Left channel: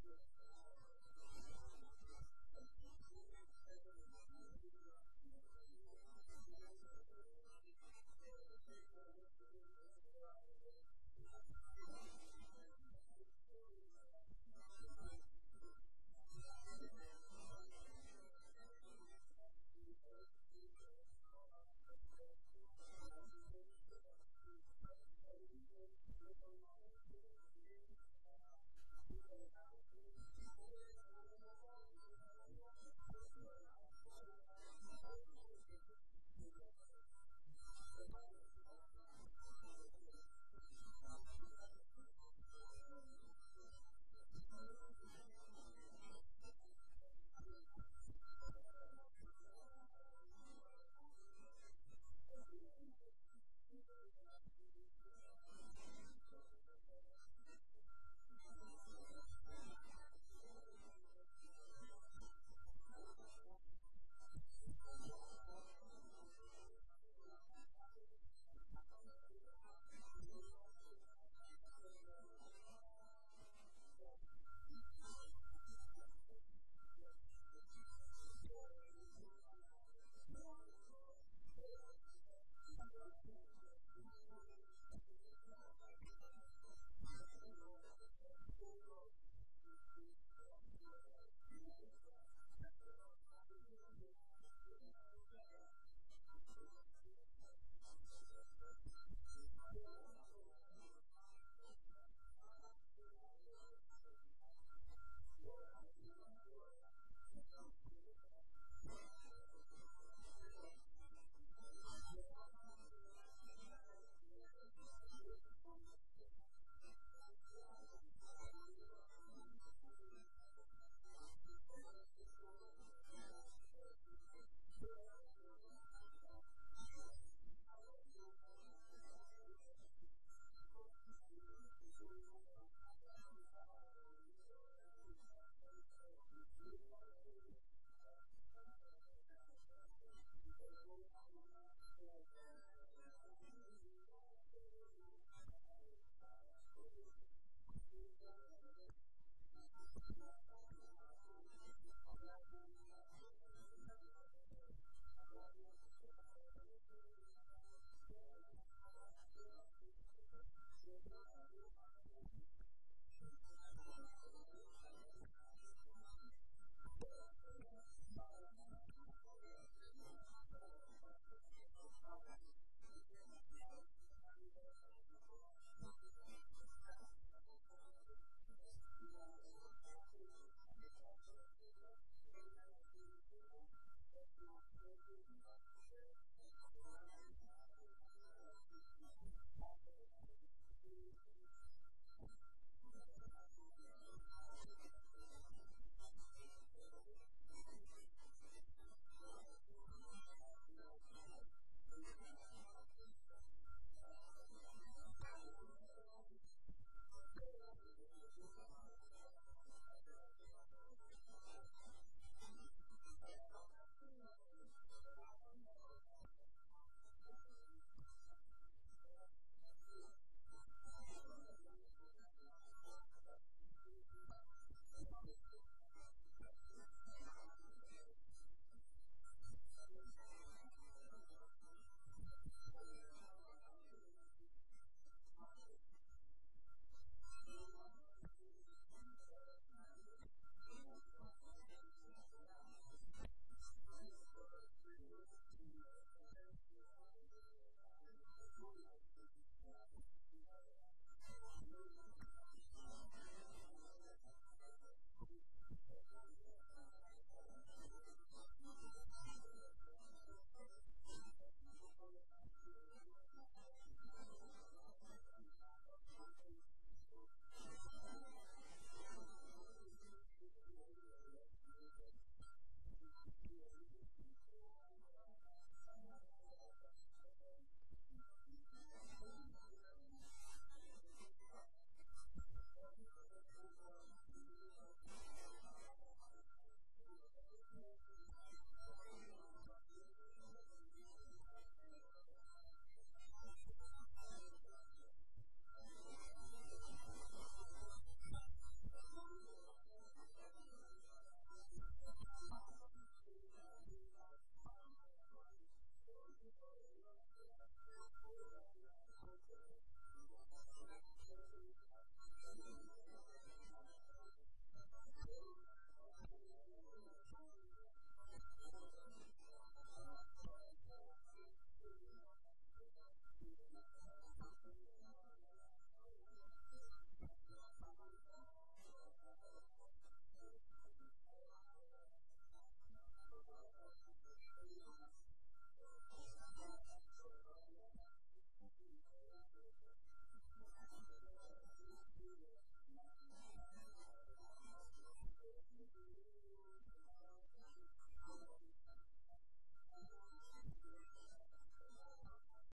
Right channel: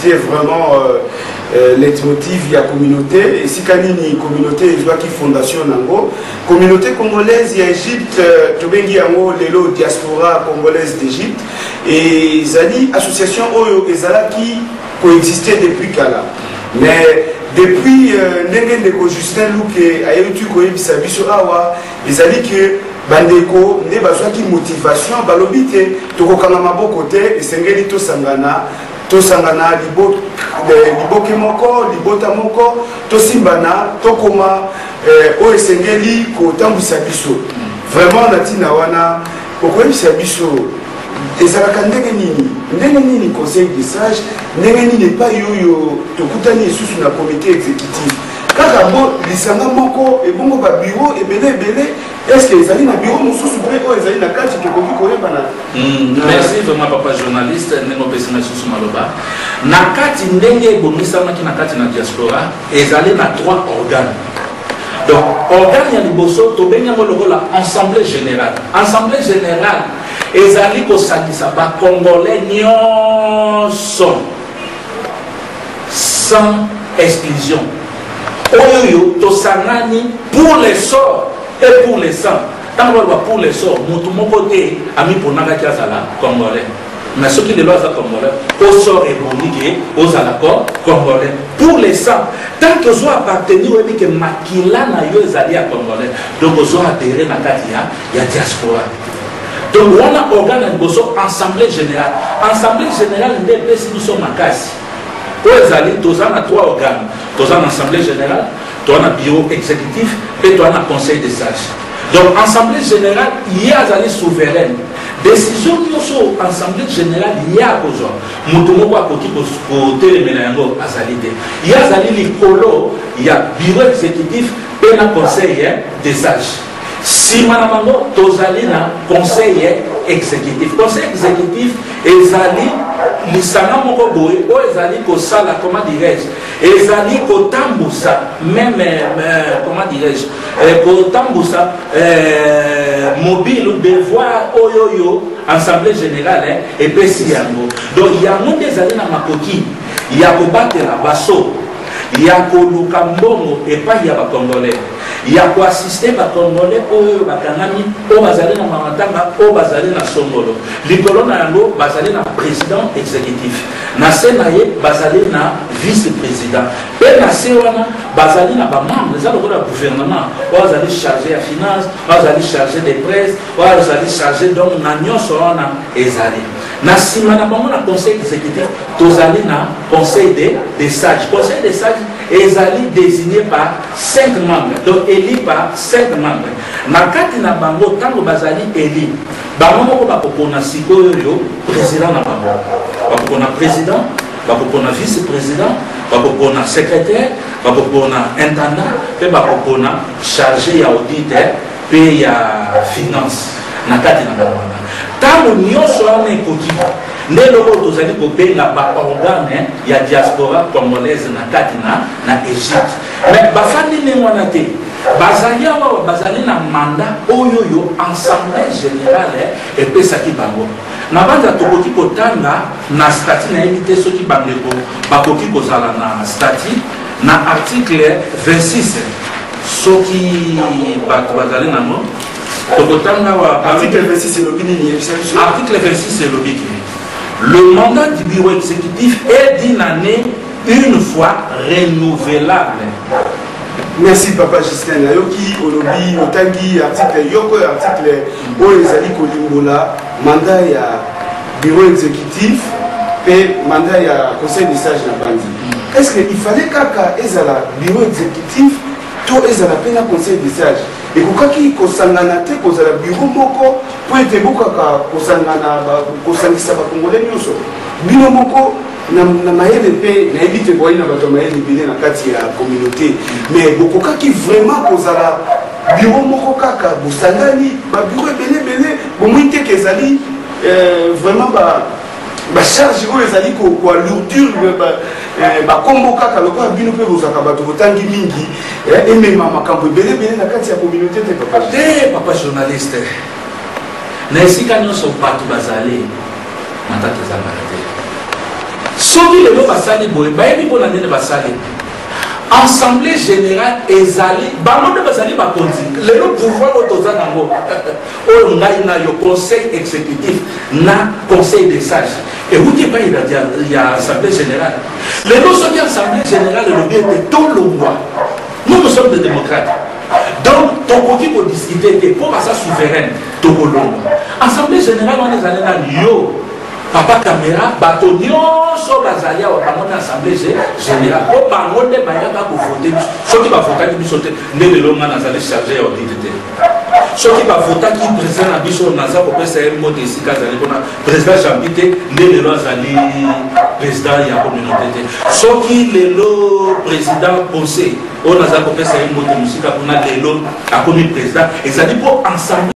c'était vraiment leitmotiv il y a communauté et si kanini communauté il qui fondation nango communauté congolaise il y a Égypte tobengi yango lelo diaspora congolaise d'Égypte et zali association oyo ezalaki coexister depuis kala mais depuis ndenge ndeko Justin Luke ayebi koyebisa biso awa ezali que bandeko nde bazwaki motivation balobi te tokokanga maboko te esengeli tosangana liboke moko libota moko tosimbana tokoma oyo esengeli kotambwisa biso vraiment na ntina wana okoyebisa biso ezalaka ndenge nini conseil de sage ndenge nini epai oyo tokutani lisusu na comité exécutif kaka bo lisanga moko ebongo ba bureau ebele est-ce que ezali na bureau mosusu mpe oyo ezali na kati tokoki koyebana merci vraiment papa journaliste ndenge opesanga lisusu maloba na kati ndenge ebongisamaki na kati na diaspora ezali na 3 organes. Donc organe ya liboso tobengi yango lokola assemblée générale ezali kosangisa bacongolais nyonso sans exclusion oyo tosangani pour les sorts et pour les sangs. Tant que pour les sorts moto moko te ami ponaka ki azala congolais mais ceux qui ne sont pas congolais au sort et bonike aux accords congolais pour les sangs tant que zo appartenir au que makila na yo ezali ya congolais donc zo adhérer na kati ya diaspora. Donc on a organe liboso assemblée générale nde pesi biso makasi oyo ezali toza na 3 organes toza na assemblée générale toza na bureau exécutif et toza na conseil des sages. Donc assemblée générale il y a azali souveraine décision nyonso assemblée générale il y a kozwa moto moko akoki kotelemela yango azali te il y a azali likolo il y a bureau exécutif et na conseil des sages. Sima na bango tozali na conseil exécutif ezali lisanga moko boye o ezali kosala comment dirais-je ezali kotambusa même comment dirais-je kotambusa mobile ou devoir oyoyo assemblée générale epesi yango. Donc yango nde ezali na makoki ya kobatela baso ya koluka mbongo epai ya bacongolais ya koassiste bacongolais oyo bakangami oyo bazali na mamatanga oyo bazali na songolo likolo na yango bazali na président exécutif na se na ye bazali na vice-président mpe na se wana bazali na bamembre eza lokola gouvernement oyo bazali chargé ya finance oyo bazali chargé des presse oyo bazali chargé donc na nyonso wana ezali na nsima na bango na conseil exécutif tozali na conseil des sages. Conseil des sages ezali désigné par 5 membres donc élu par 5 membres na kati na bango ntango bazali élu bango moko bakopona sikoyo président na bango bakopona président bakopona vice-président bakopona secrétaire bakopona intendant mpe bakopona chargé ya auditeur mpe ya finance na kati na bango ntango nyonso wana ekoki nde loko tozali kobenga baorgane ya diaspora congolaise na kati na Égypte mais bafandi ndenge wana te bazali awa bazali na mandat oyoyo assemblée générale epesaki bango na banza tokoki kotanga na statut nayebi te soki bandeko bakoki kozala na statut na article 26 soki bato bazali nango article 26 c'est l'objet. Le mandat du bureau exécutif est d'une année une fois renouvelable. Merci papa Justin. Nayoki olobi otangi article yoko article oyo ezali kolimbola mandat ya bureau exécutif et mandat ya conseil des sages na bandi. Est-ce qu'il fallait kaka ezala bureau exécutif to ezala pena conseil des sages? Et kokaki kosangana te kozala bureau moko po ete bokaka kosangana kosangisa bakongolais nyonso bino moko na mayele mpe nayebi te boyi na bato mayele ebele na kati ya communauté mais bokokaki vraiment kozala bureau moko kaka bosangani babureau ebele bomoi te ke ezali vraiment bacharge oyo ezali koalourdir bakombo kaka lokola bino mpe bozaka bato botangi mingi emema makambo ebele na kati ya communauté te papa journaliste na esika nyonso bato bazali matata ezalaka te soki lelo basali boye bayebi mpona nini basali assemblée générale ezali bango nde bazali bakonzi lelo pouvoir oyo toza nango oyo ngai na yo conseil exécutif na conseil des sages euti epai ya assemblée générale lelo soki assemblée générale elobi ete tolongwa nous sommes des démocrates donc tokoki kodiscute te mpo baza souveraine tokolongwa assemblée générale wana ezali na yo papa caméra bato nyonso bazali awa bango na assemblée générale po bango nde bayaka kovote soki bavotaki biso te nde lelo nga nazali chargé ya audite te soki bavotaki président na biso naza kopesa ye mbote esika azali mpona président jambi te nde lelo azali président ya communauté te soki lelo président pensé oyo naza kopesa ye mbote mosika mpona lelo akomi président ezali mpo ensemble